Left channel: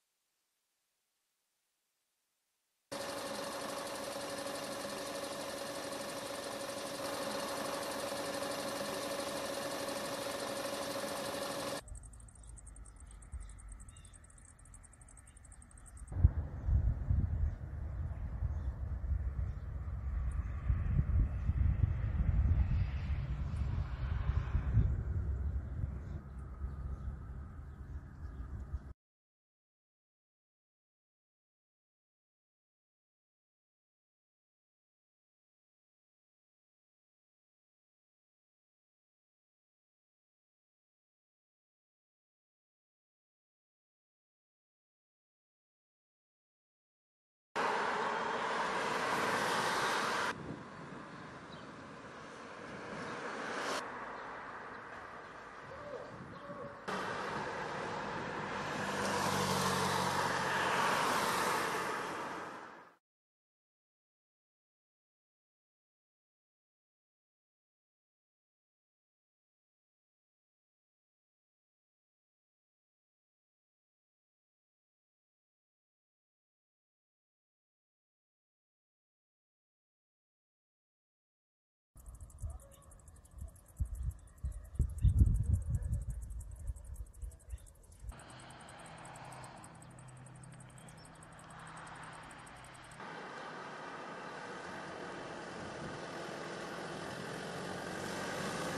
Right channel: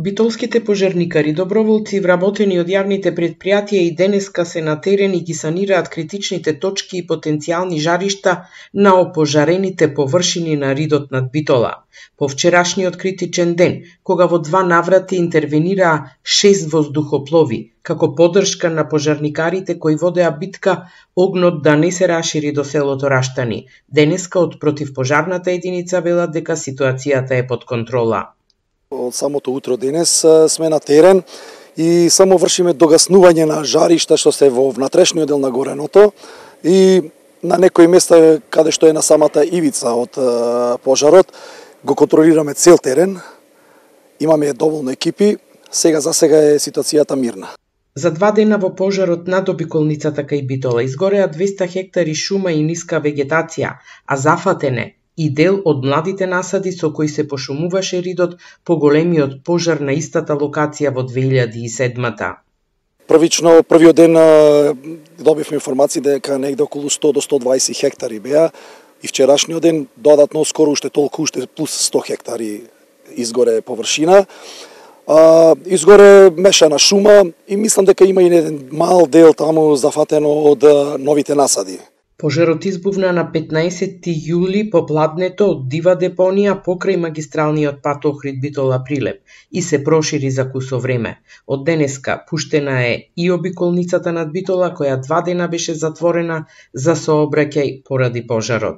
Битолските пожарникари, доброволци вработени од јавните претпријатија и денеска се на терен и ги санираат критичните точки и потенцијални жаришта на опожарените површини на ридот над Битола. По вчерашниот критичен ден, кога во 2 наврати интервенираа 6 воздухоплови, како поддршка на пожарникарите кои водеа битка огнот да не се рашири до селото Раштани, денеска од противпожарната единица велат дека ситуацијата е под контрола. Од самото утро денес сме на терен и само вршиме догаснување на жаришта што се во внатрешниот дел на гореното и на некои места каде што е на самата ивица од пожарот го контролираме цел терен. Имаме доволно екипи, сега е ситуацијата мирна. За 2 дена во пожарот над обиколницата кај Битола изгореа 200 хектари шума и ниска вегетација, а зафатене и дел од младите насади со кои се пошумуваше ридот по големиот пожар на истата локација во 2007-та. Првиот ден добивме информации дека негде околу 100 до 120 хектари беа и вчерашниот ден додатно скоро уште толку, уште плюс 100 хектари изгоре површина. Изгоре мешана шума и мислам дека има и еден мал дел таму зафатено од новите насади. Пожарот избувна на 15 јули по пладнето од дива депонија покрај магистралниот пат Охрид Битола Прилеп и се прошири за кусо време. Од денеска пуштена е и обиколницата над Битола која 2 дена беше затворена за сообраќај поради пожарот.